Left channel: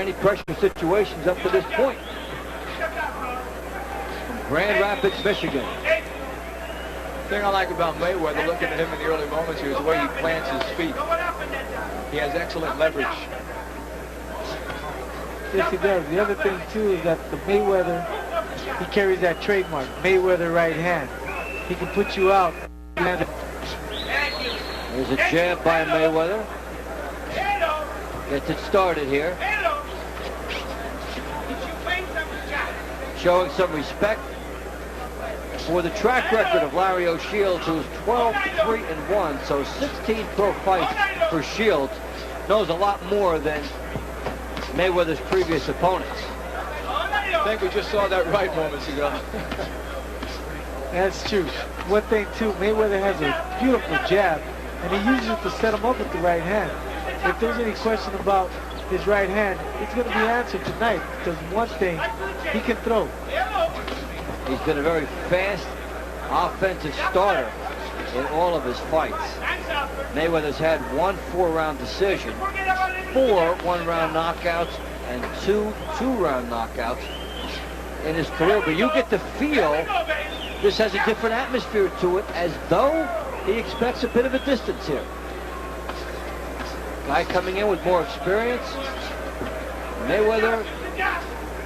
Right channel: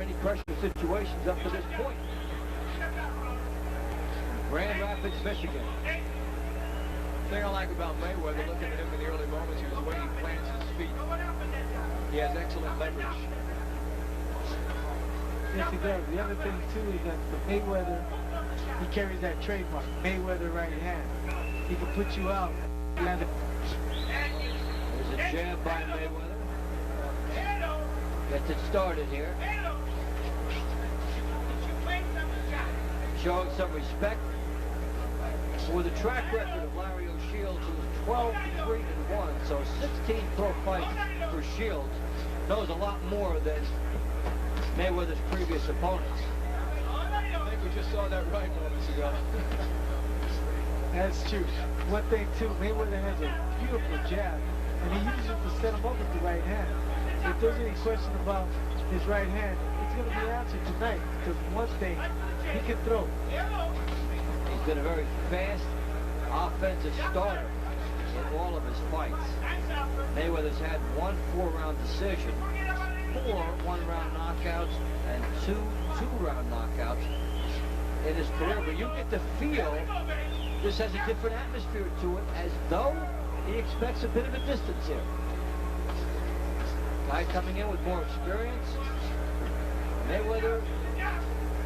any pressure situations up to this point. From Grand Rapids, Michigan. The thing I like about Mayweather, looking at him in the early moments here, is the way he plants his feet. He has excellent leverage. Yes, he does. The other thing, too, is that the Mayweather, he carries that trademark, Mayweather right hand. He can put you out. There's a jab by Mayweather. Gets it started here. Showing some respect for the track record of Larry O'Shields, who is 12-3-1, so 16 pro fights for Shields. Knows a lot more than Mayweather's previous opponents. I think we just saw that right moments ago. That's true. One thing, too, Mayweather has a beautiful jab, and he uses it to set him up with the right hand. If there's any question about his right hand, it's going to be answered tonight, because one thing, he can throw. He's been a very fast offensive starter in all of his fights. Mayweather's had 1 4-round decision, 4 one-round knockouts, and 2 two-round knockouts in his career. But you get the feel this has a different atmosphere to it, as though he expects a bit of a distance here. Guy coming in with more experience. Mayweather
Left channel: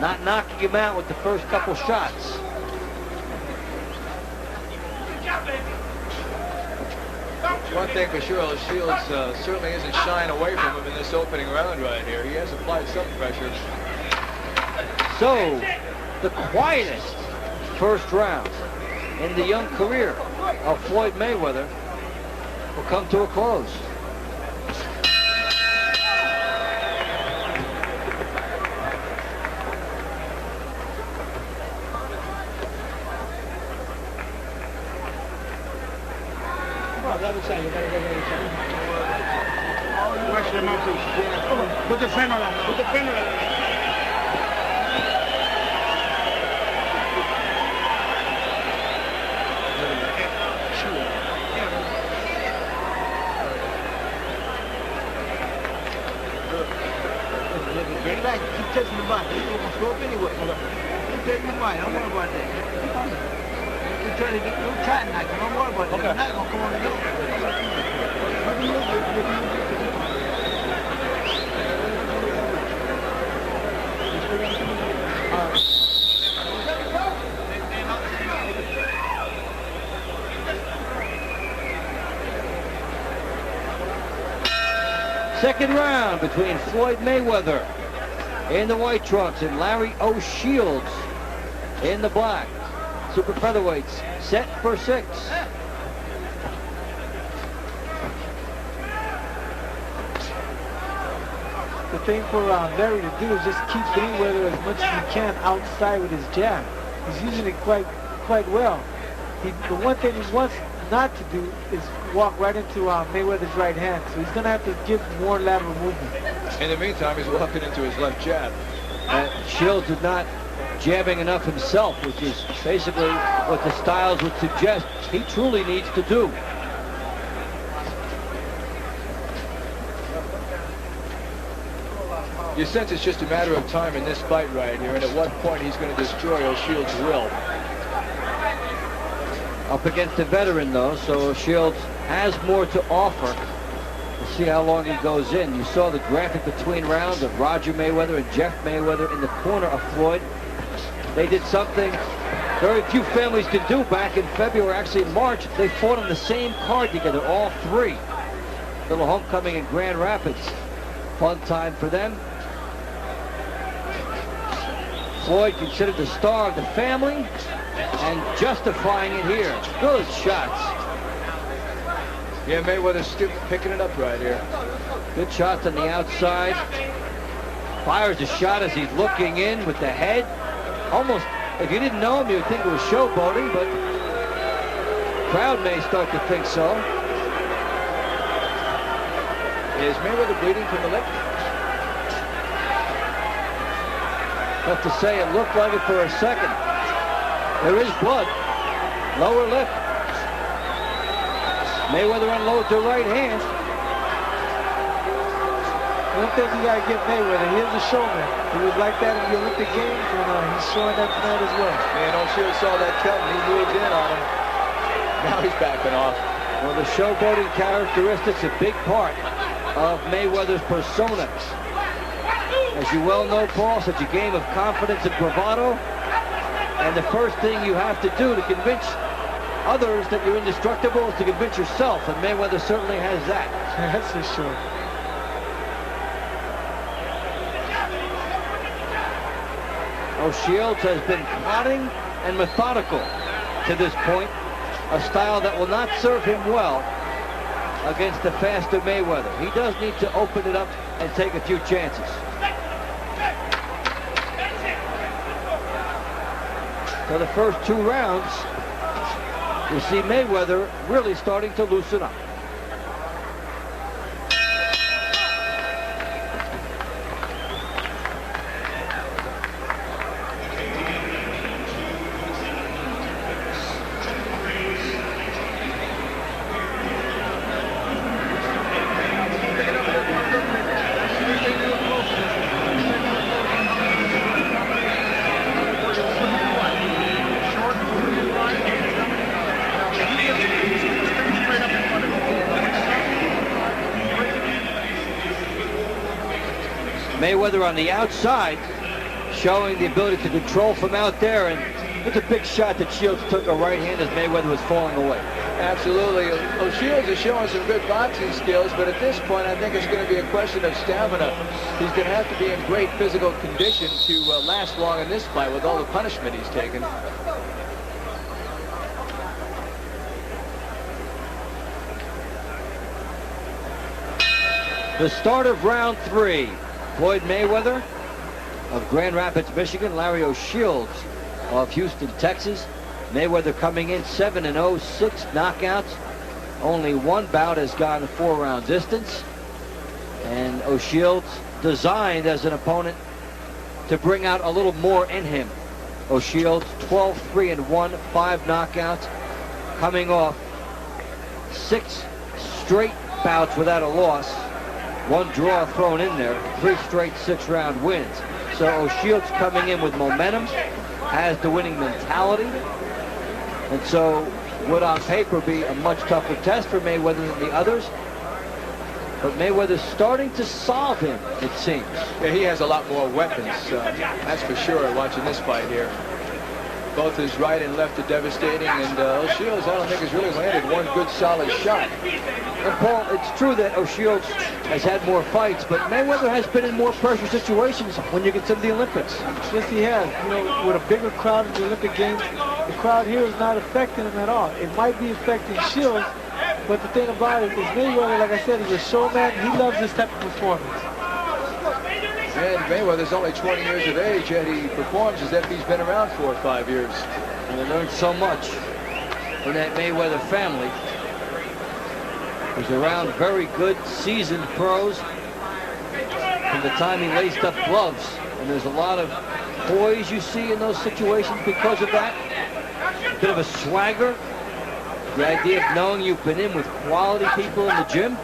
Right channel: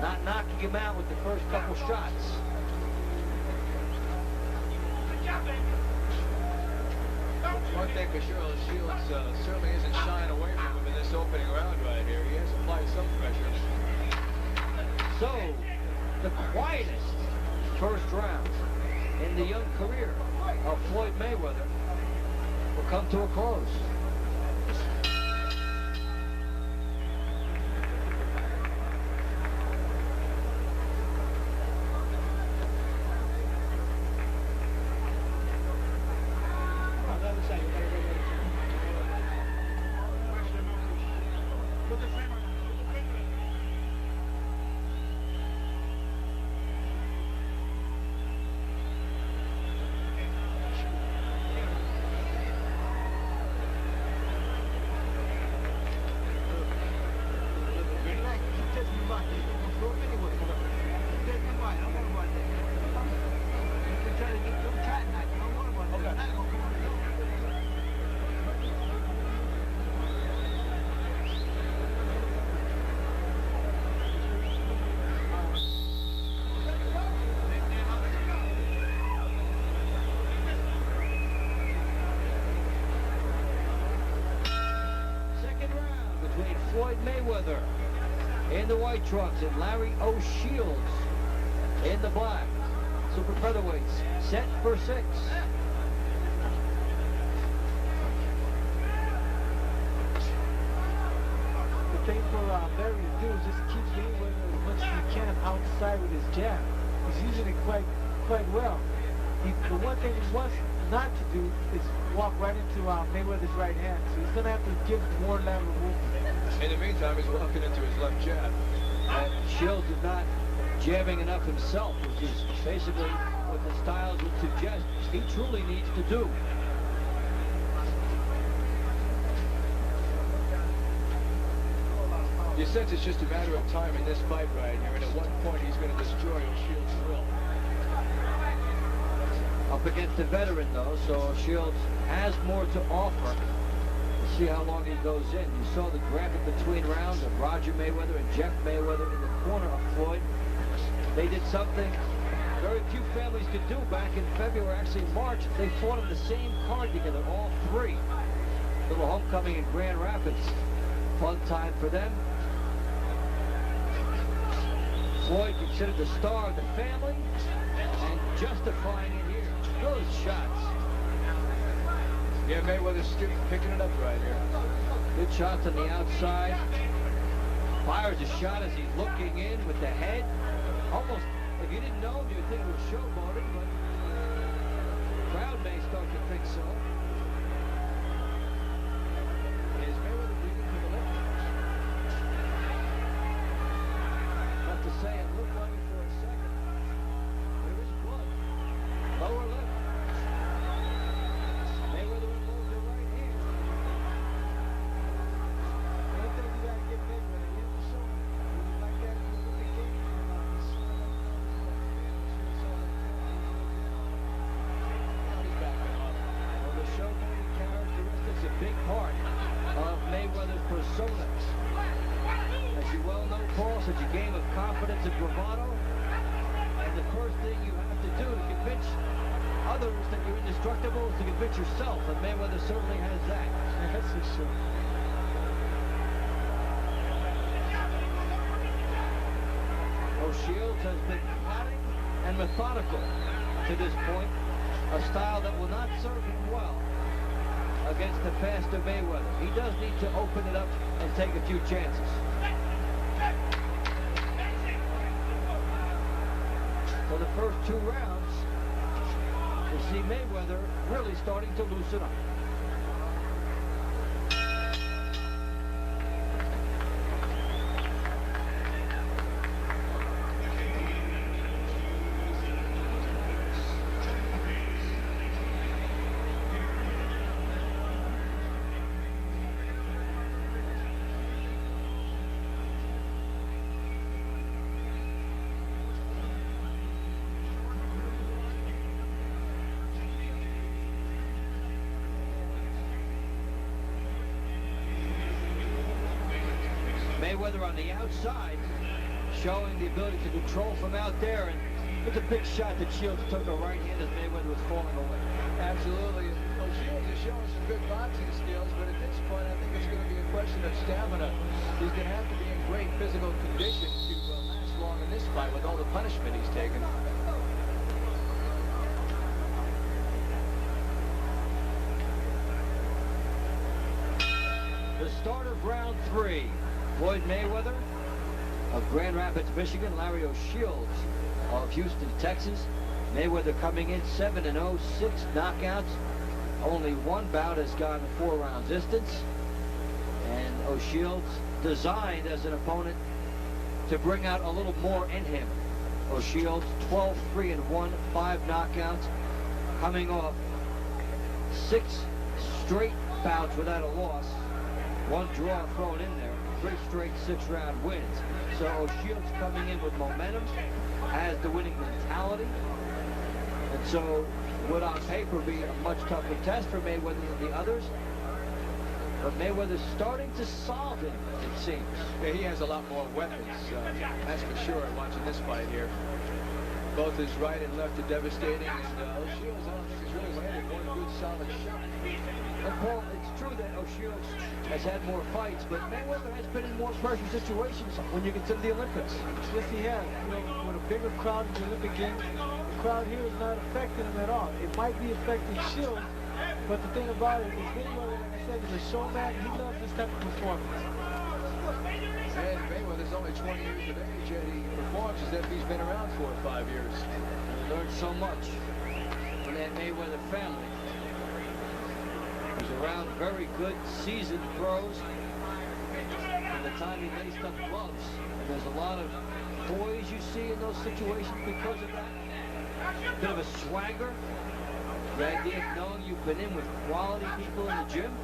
not knocking him out with the first couple shots. One thing for sure, Shields certainly isn't shying away from him in this opening round right here. He has applied some pressure. So, the quietest first round in the young career of Floyd Mayweather will come to a close. Put the freno on. Put the freno on. Get back. Keep touching the body. He's going to go up anyway. Keep touching the body. Don't worry about that. Don't try to knock him. Don't worry about that. He's not going to come on the door. Second round between Floyd Mayweather in the white trunks and Larry O'Shields in the black. Super featherweights set for 6. The thing for Larry to do is just keep Mayweather as much as he can outside with his jab. He's using it quite well. The one thing he wants not to do is walk right into Mayweather's right hand, so he's going to have to give more lateral movement. In the meantime, he's walking into his left jab. Shields is not jabbing enough himself, which is basically what the styles would suggest he truly needs to do. You sense it's just a matter of time in this fight right here, and at what point he's going to destroy O'Shields' will. Up against a veteran, though, so Shields has more to offer. We'll see how long he goes in. You saw the graphic between rounds of Roger Mayweather and Jeff Mayweather in the corner of Floyd. They did something very few families could do back in February, actually in March. They fought on the same card together, all 3. Little homecoming in Grand Rapids. Fun time for them. Floyd considered the star of the family and justifying it here. Good shots. Yeah, Mayweather's still picking it up right here. Good shots on the outside. Fires a shot as he's looking in with the head. Almost, if you didn't know him, you would think it was showboating, but the crowd may start to think so. Is Mayweather bleeding from the lip? Tough to say. It looked like it for a second. There is blood. Lower lip. Mayweather unloads her right hand. One thing you got to give Mayweather, he is a showman. He was like that in the Olympic Games, and he's showing that tonight as well. And O'Shields saw that cut, and he moved in on him. Now he's backing off. Well, the showboating characteristics a big part of Mayweather's persona. As you well know, Paul, such a game of confidence and bravado. And the first thing you have to do to convince others that you're indestructible is to convince yourself, and Mayweather certainly has that. That's for sure. O'Shields has been plodding and methodical to this point, a style that will not serve him well against the faster Mayweather. He does need to open it up and take a few chances. For the first 2 rounds, you see Mayweather really starting to loosen up. Mayweather on the outside, showing the ability to control from out there, and it's a big shot that Shields took a right hand as Mayweather was falling away. Absolutely. O'Shields is showing some good boxing skills, but at this point, I think it's going to be a question of stamina. He's going to have to be in great physical condition to last long in this fight with all the punishment he's taken. The start of round 3. Floyd Mayweather of Grand Rapids, Michigan. Larry O'Shields of Houston, Texas. Mayweather coming in 7-0, 6 knockouts. Only 1 bout has gone the 4-round distance. And O'Shields designed as an opponent to bring out a little more in him. O'Shields 12-3-1, 5 knockouts, coming off 6 straight bouts without a loss. 1 draw thrown in there, 3 straight 6-round wins. So O'Shields coming in with momentum, has the winning mentality, and so would on paper be a much tougher test for Mayweather than the others. But Mayweather's starting to solve him, it seems. Yeah, he has a lot more weapons, that's for sure, watching this fight here. Both his right and left are devastating, and O'Shields, I don't think, has really landed 1 good solid shot. And Paul, it's true that O'Shields has had more fights, but Mayweather has been in more pressure situations when you consider the Olympics. Yes, he has. You know, with a bigger crowd in the Olympic Games, the crowd here is not affecting him at all. It might be affecting Shields, but the thing about it is Mayweather, like I said, is a showman. He loves this type of performance. And Mayweather's only 20 years of age, yet he performs as if he's been around 4 or 5 years. And he learned so much from that Mayweather family. He's around very good, seasoned pros from the time he laced up gloves. And there's a lot of poise you see in those situations because of that. A bit of a swagger. The idea of knowing you've been in with quality people in the gym.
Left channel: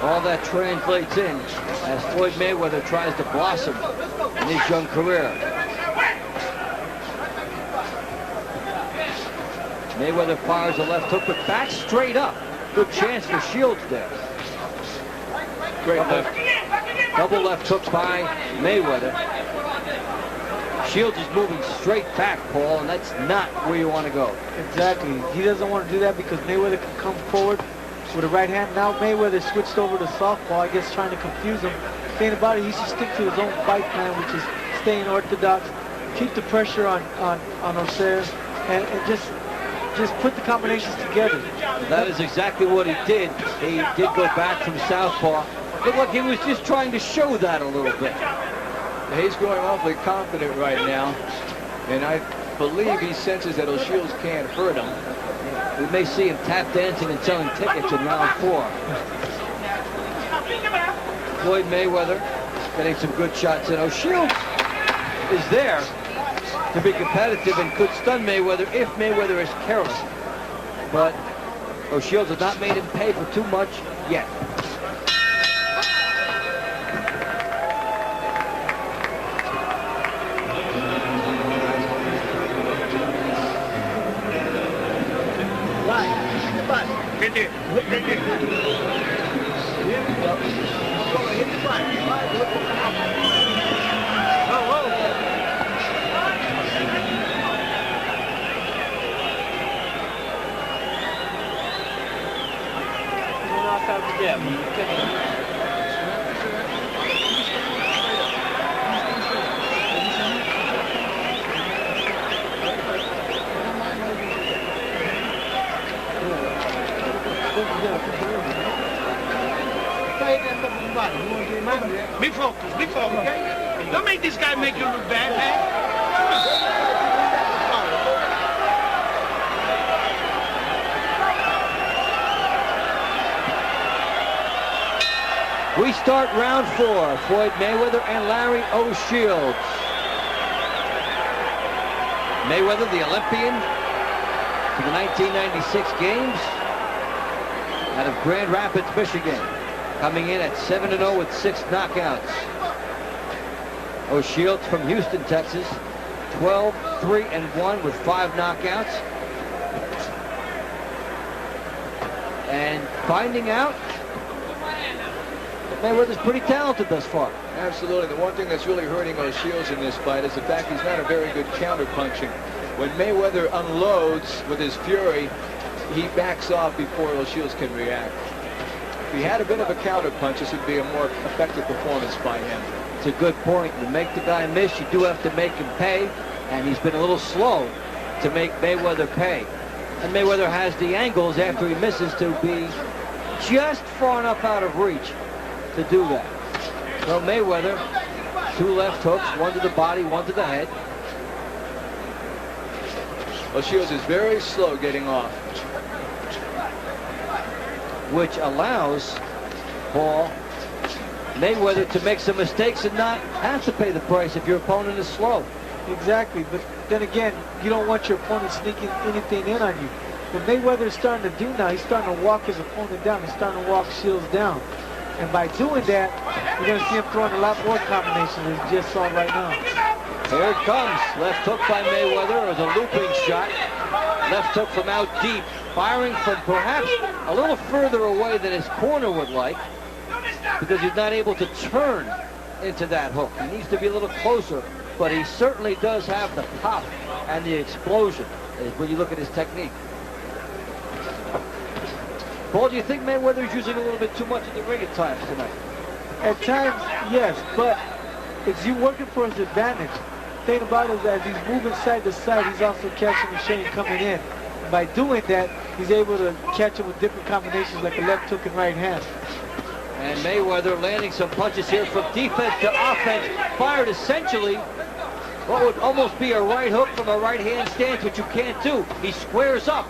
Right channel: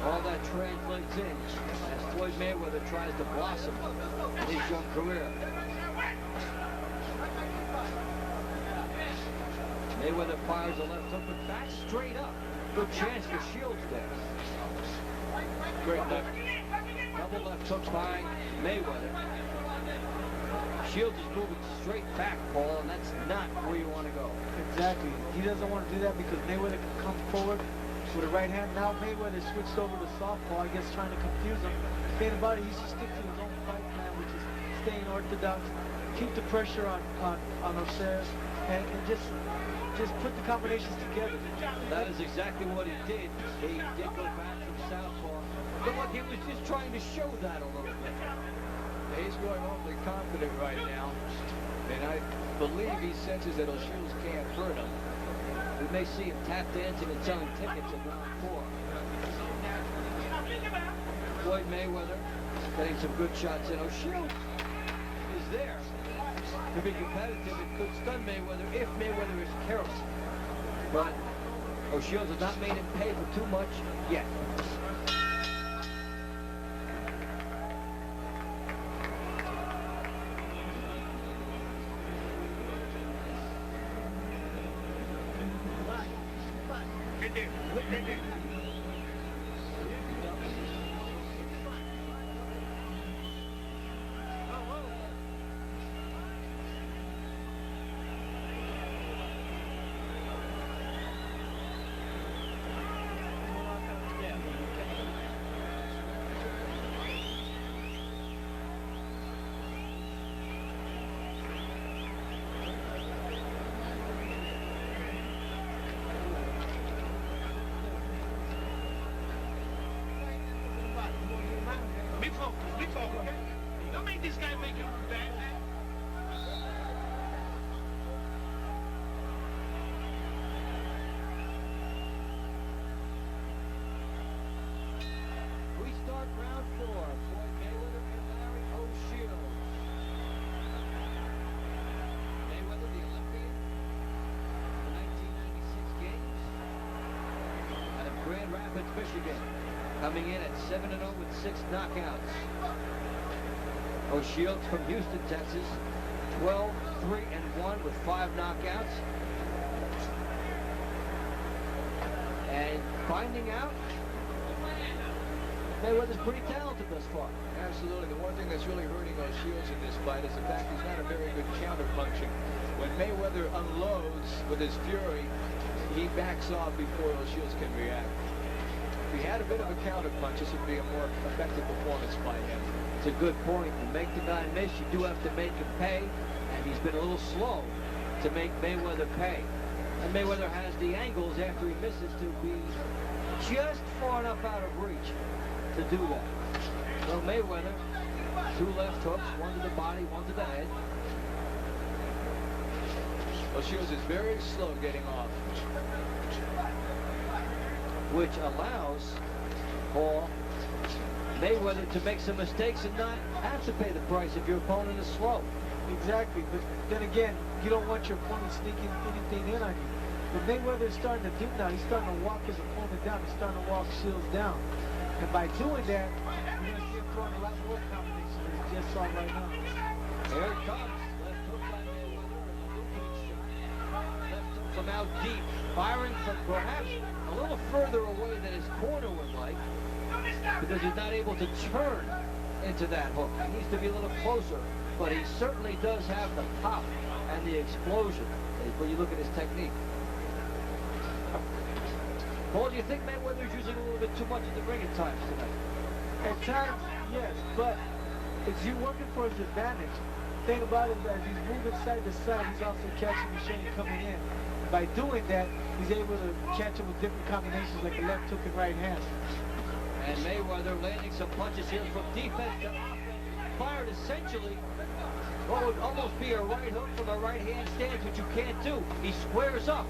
All that translates in as Floyd Mayweather tries to blossom in his young career. Mayweather fires a left hook, but back straight up. Good chance for Shields there. Great left. Double left hook by Mayweather. Shields is moving straight back, Paul, and that's not where you want to go. Exactly. He doesn't want to do that because Mayweather can come forward with a right hand. Now Mayweather switched over to southpaw, I guess trying to confuse him. The thing about it, he should stick to his own fight plan, which is staying orthodox, keep the pressure on O'Shea, and just put the combinations together. That is exactly what he did. He did go back from southpaw. Looked like he was just trying to show that a little bit. He's going awfully confident right now, and I believe he senses that O'Shields can't hurt him. We may see him tap dancing and selling tickets in round 4. Floyd Mayweather getting some good shots in. O'Shields is there to be competitive and could stun Mayweather if Mayweather is careless. But O'Shields has not made him pay for too much yet. Right there. Right there. Here we go. Hit the button. Oh, oh. Be focused, okay? Don't make this guy make you look bad, man. We start round 4. Floyd Mayweather and Larry O'Shields. Mayweather, the Olympian for the 1996 games out of Grand Rapids, Michigan, coming in at 7-0 with 6 knockouts. O'Shields from Houston, Texas, 12-3-1 with 5 knockouts. And finding out that Mayweather's pretty talented thus far. Absolutely. The one thing that's really hurting O'Shields in this fight is the fact he's not a very good counter-punching. When Mayweather unloads with his fury, he backs off before O'Shields can react. If he had a bit of a counter-punch, this would be a more effective performance by him. It's a good point. You make the guy miss, you do have to make him pay, and he's been a little slow to make Mayweather pay. And Mayweather has the angles after he misses to be just far enough out of reach to do that. So Mayweather, 2 left hooks, 1 to the body, 1 to the head. O'Shields is very slow getting off, which allows Paul Mayweather to make some mistakes and not have to pay the price if your opponent is slow. Exactly, but then again, you don't want your opponent sneaking anything in on you. What Mayweather is starting to do now, he's starting to walk his opponent down. He's starting to walk Shields down. And by doing that, you're going to see him throwing a lot more combinations than he just saw right now. Here it comes. Left hook by Mayweather. It was a looping shot. Left hook from out deep. Firing from perhaps a little further away than his corner would like, because he's not able to turn into that hook. He needs to be a little closer, but he certainly does have the pop and the explosion when you look at his technique. Paul, do you think Mayweather's using a little bit too much at the ring at times tonight? At times, yes, but it's you working for his advantage. The thing about it is, as he's moving side to side, he's also catching the shade coming in. By doing that, he's able to catch him with different combinations like a left hook and right hand. And Mayweather landing some punches here from defense to offense. Fired essentially what would almost be a right hook from a right hand stance, which you can't do. He squares up.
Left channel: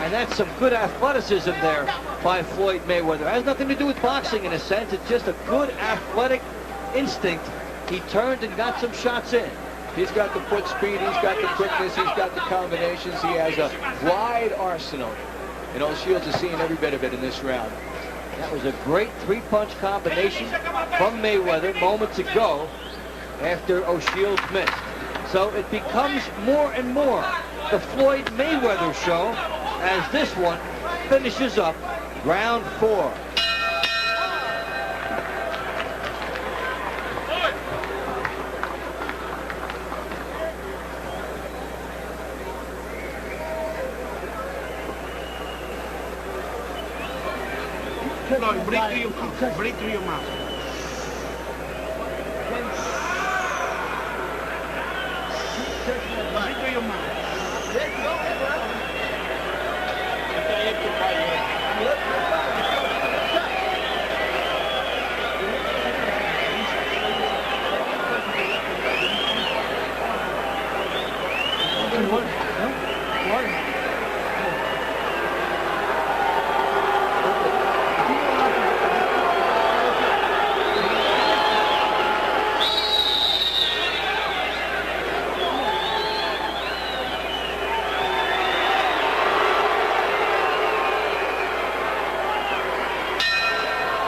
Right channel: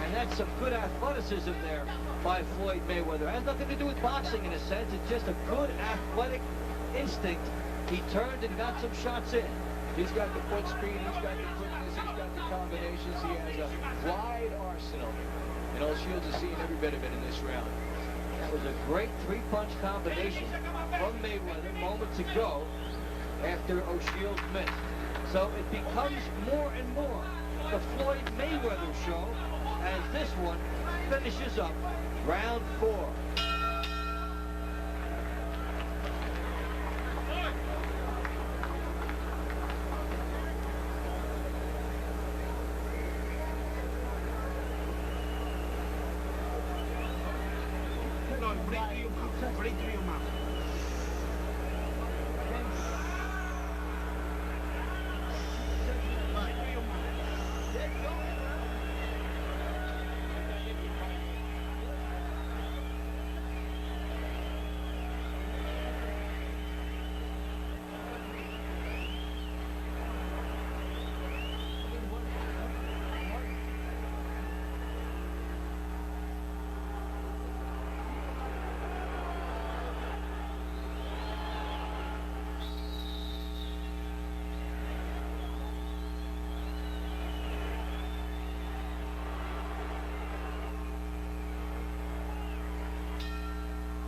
And that's some good athleticism there by Floyd Mayweather. It has nothing to do with boxing in a sense. It's just a good athletic instinct. He turned and got some shots in. He's got the foot speed, he's got the quickness, he's got the combinations. He has a wide arsenal. And O'Shields is seeing every bit of it in this round. That was a great 3-punch combination from Mayweather moments ago after O'Shields missed. So it becomes more and more the Floyd Mayweather show as this one finishes up round 4. Floyd, breathe through your mouth. Breathe through your mouth. Breathe through your mouth.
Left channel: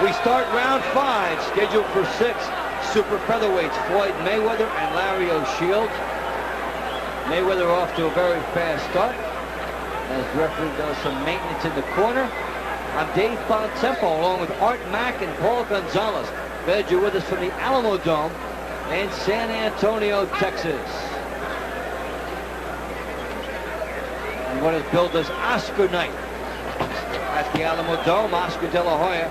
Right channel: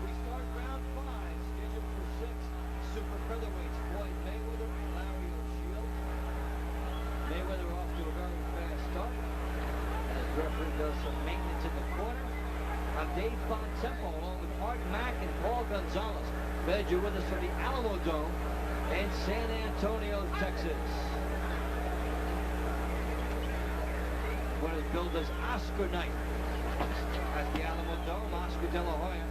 We start round 5, scheduled for 6 super featherweights, Floyd Mayweather and Larry O'Shields. Mayweather off to a very fast start. as the referee does some maintenance in the corner. I'm Dave Bontempo, along with Art Mack and Paul Gonzalez. Glad you're with us from the Alamodome in San Antonio, Texas. And what is billed as Oscar night at the Alamodome. Oscar De La Hoya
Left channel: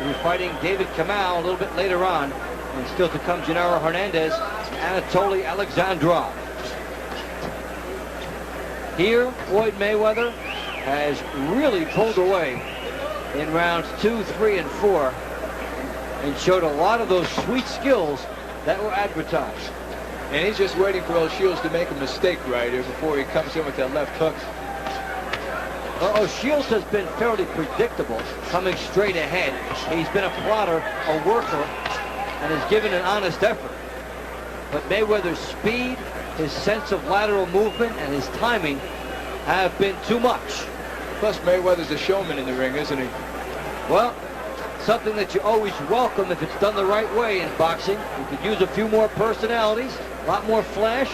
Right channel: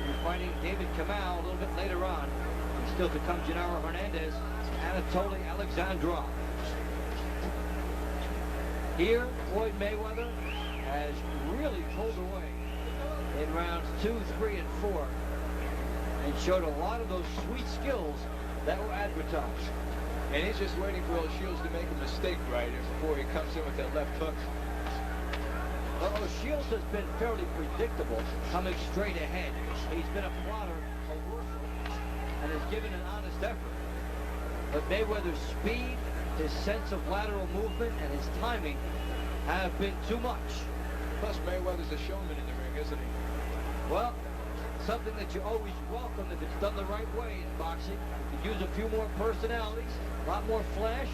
will be fighting David Kamau a little bit later on. And still to come, Gennaro Hernandez, Anatoly Alexandrov. Here, Floyd Mayweather has really pulled away in rounds 2, 3, and 4 and showed a lot of those sweet skills that were advertised. And he's just waiting for O'Shields to make a mistake right here before he comes in with that left hook. Well, O'Shields has been fairly predictable, coming straight ahead. He's been a plotter, a worker, and has given an honest effort. But Mayweather's speed, his sense of lateral movement, and his timing have been too much. Plus, Mayweather's a showman in the ring, isn't he? Well, something that you always welcome if it's done the right way in boxing. You could use a few more personalities, a lot more flash,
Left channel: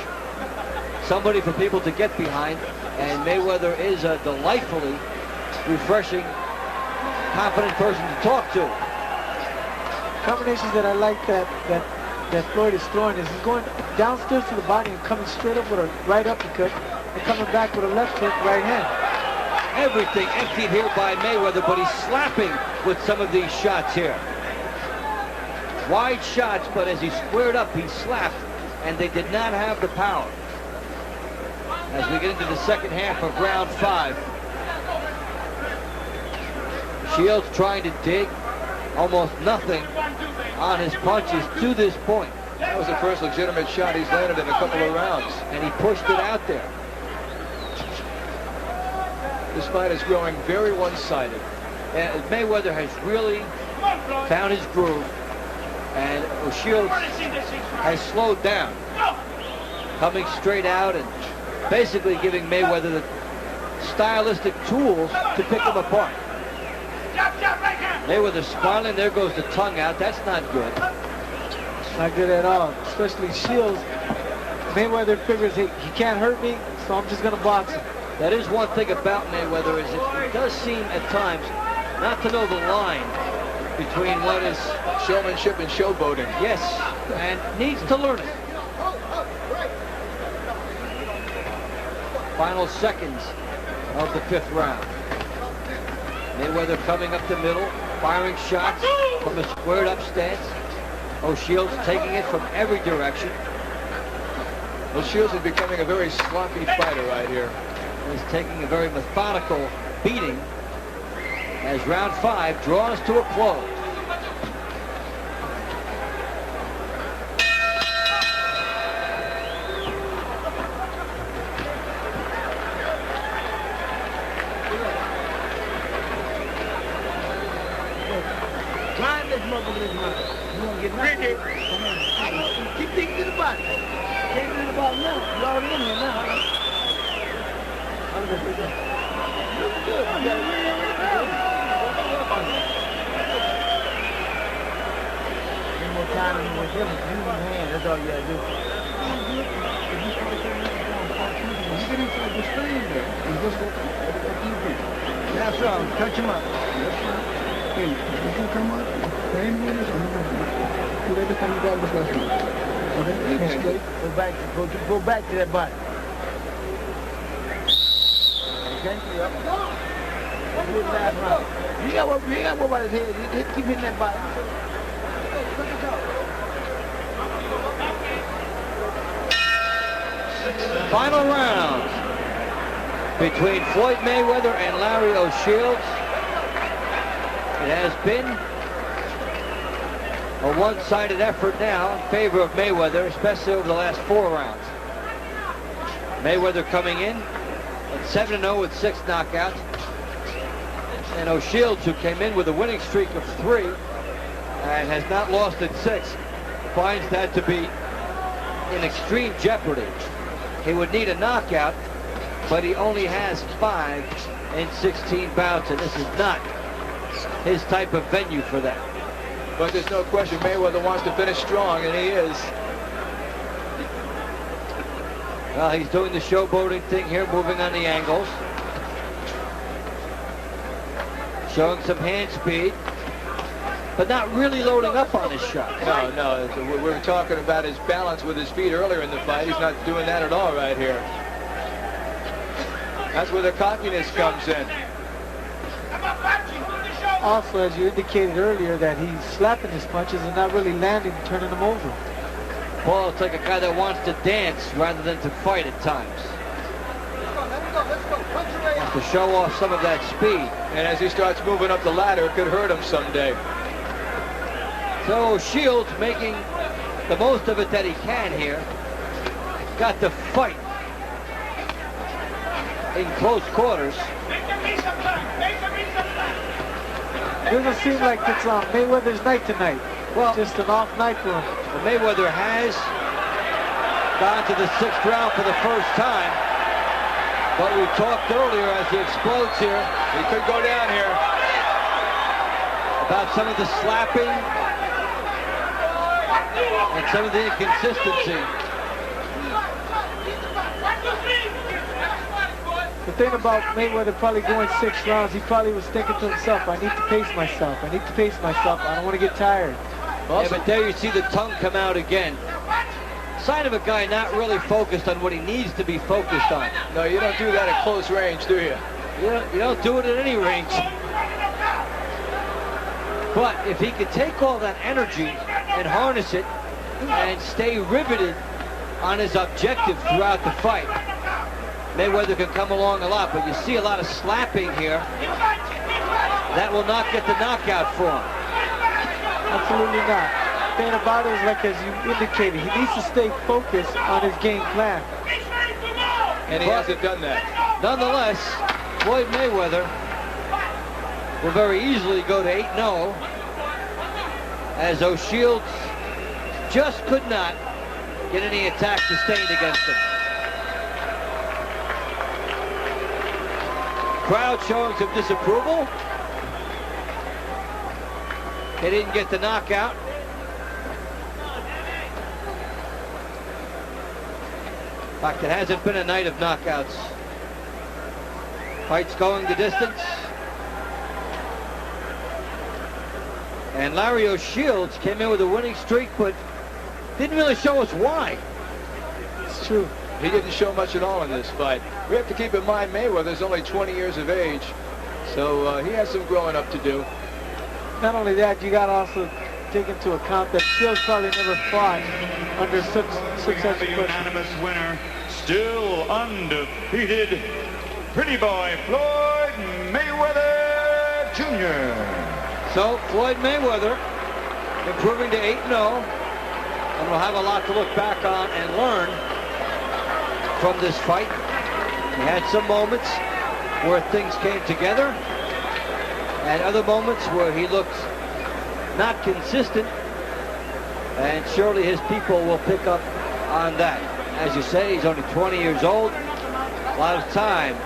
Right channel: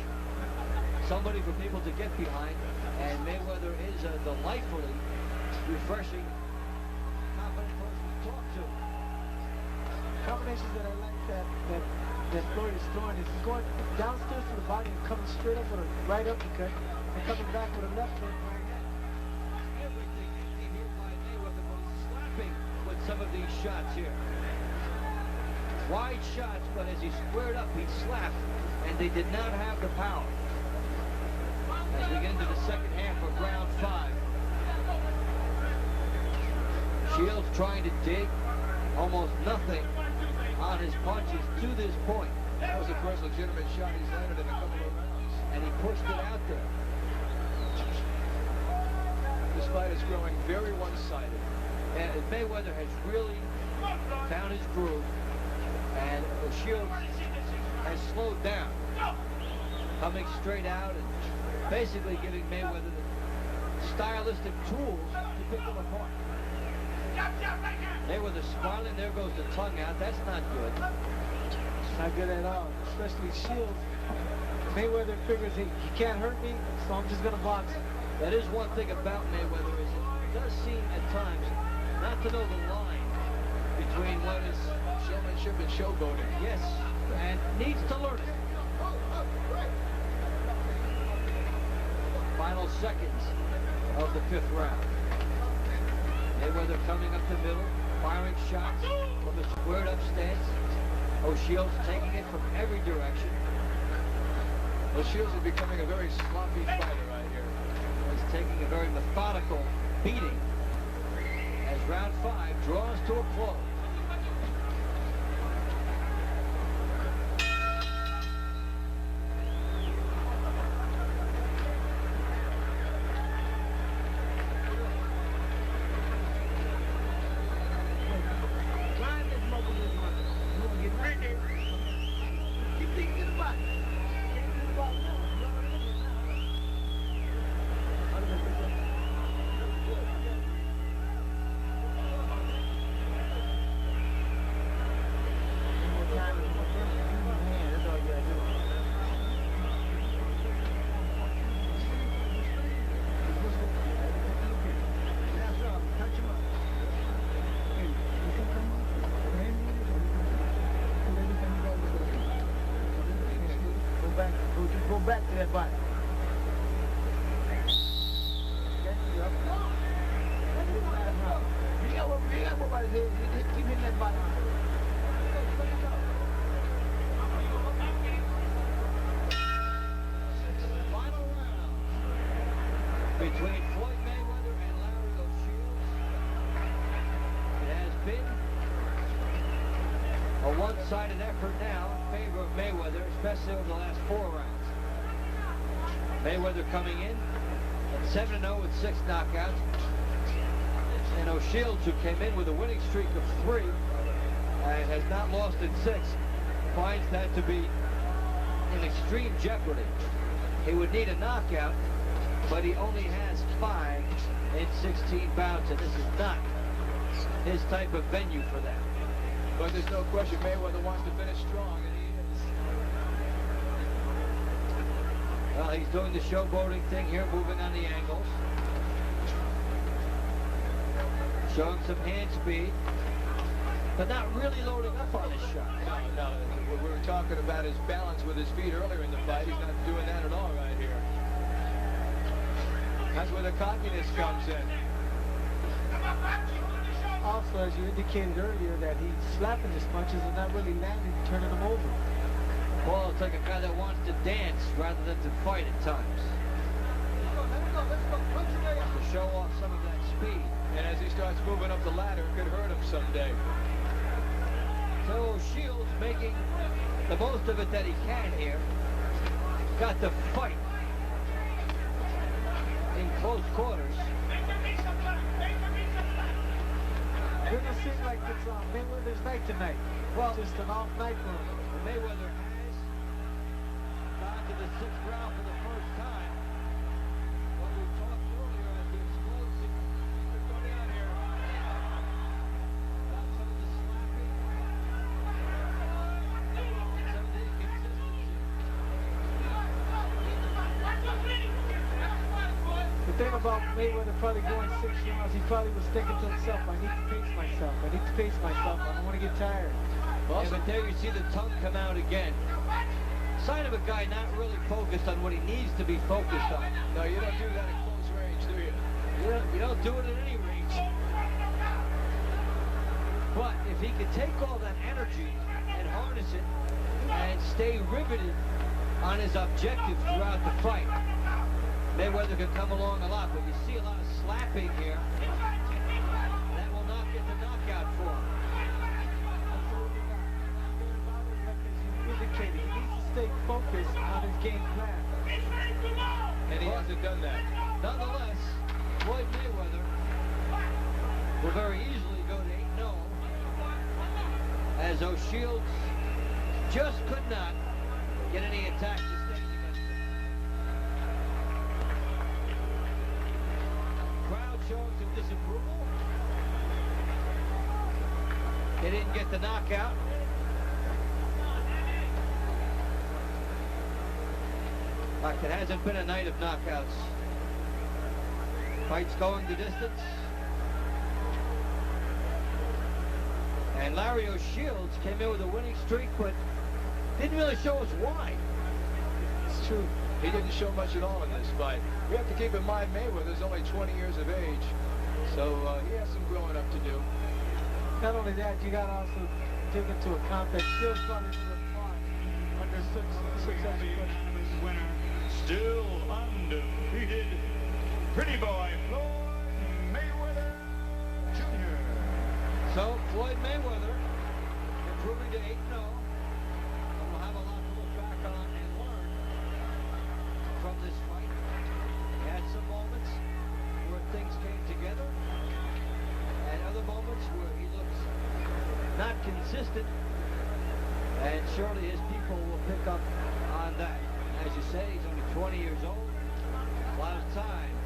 somebody for people to get behind. And Mayweather is a delightfully refreshing, confident person to talk to. Combinations that I like that Floyd is throwing is he's going downstairs to the body and coming straight up with a right uppercut and coming back with a left hook right hand. Everything emptied here by Mayweather, but he's slapping with some of these shots here. Wide shots, but as he squared up, he slapped, and they did not have the power. As we get into the second half of round 5. Shields trying to dig, almost nothing on his punches to this point. That was the first legitimate shot he's landed in a couple of rounds. And he pushed it out there. This fight is growing very one-sided. And Mayweather has really found his groove, and O'Shields has slowed down, coming straight out and basically giving Mayweather the stylistic tools to pick him apart. Mayweather smiling. There goes the tongue out. That's not good. Not good at all, especially Shields. Mayweather figures he can't hurt me, so I'm just going to box him. That is one thing about Mayweather, is it does seem at times not to know the line between what is showmanship and showboating. Yes, and needs to learn it. Final seconds of the 5th round. Mayweather coming up the middle, firing shots from a squared up stance. O'Shields taking it from every direction. O'Shields is becoming a very sloppy fighter right here. He's taking a very methodical beating as round 5 draws to a close. Grind this motherfucker. You won't get nothing. Keep digging to the body. Can't do the body now. You're already in here now. More time and more difference. Use your hand. That's all you gotta do. You get inside the screen there. You just go that's right. Touch him up. Hey, you can come up. Train with us. Do every time you got this last one. Okay? Go back to that body. Okay? Yep. You got what about his head. Keep hitting that body. Final round between Floyd Mayweather and Larry O'Shields. It has been a one-sided effort now in favor of Mayweather, especially over the last 4 rounds. Mayweather coming in at 7-0 with 6 knockouts. And O'Shields, who came in with a winning streak of 3 and has not lost in 6, finds that to be in extreme jeopardy. He would need a knockout, but he only has 5 in 16 bouts, and this is not his type of venue for that. But there's no question Mayweather wants to finish strong, and he is. Well, he's doing the showboating thing here, moving on the angles. Showing some hand speed, but not really loading up on his shot. No. We were talking about his balance with his feet earlier in the fight. He's not doing that at all right here. That's where the cockiness comes in. Also, as you indicated earlier, that he's slapping his punches and not really landing and turning them over. Paul, it's like a guy that wants to dance rather than to fight at times. Wants to show off some of that speed. And as he starts moving up the ladder, it could hurt him someday. So Shields making the most of it that he can here. Got the fight in close quarters. Doesn't seem like it's Mayweather's night tonight. Well, just an off night for him. Well, Mayweather has gone to the 6th round for the first time. But we talked earlier as he explodes here. He could go down here. About some of the slapping and some of the inconsistency. The thing about Mayweather probably going 6 rounds, he probably was thinking to himself, I need to pace myself. I need to pace myself. I don't want to get tired. Yeah, but there you see the tongue come out again. Sign of a guy not really focused on what he needs to be focused on. No, you don't do that at close range, do you? You don't do it at any range. But if he could take all that energy and harness it and stay riveted on his objective throughout the fight, Mayweather can come along a lot. But you see a lot of slapping here. That will not get the knockout for him. Absolutely not. The thing about it is, like as you indicated, he needs to stay focused on his game plan. And he hasn't done that. Nonetheless, Floyd Mayweather will very easily go to 8-0 as O'Shields just could not get any attack sustained against him. Crowd showing some disapproval. He didn't get the knockout. In fact, it hasn't been a night of knockouts. Fights going the distance. And Larry O'Shields came in with a winning streak, but didn't really show us why. It's true. He didn't show much at all in this fight. We have to keep in mind Mayweather's only 20 years of age, so he has some growing up to do. Not only that, you got to also take into account that Shields probably never fought under such a unanimous winner, still undefeated, pretty boy Floyd Mayweather Jr. So Floyd Mayweather improving to 8-0, and we'll have a lot to look back on and learn from this fight. He had some moments where things came together, and other moments where he looked not consistent, and surely his people will pick up on that. As you say, he's only 20 years old. A lot of time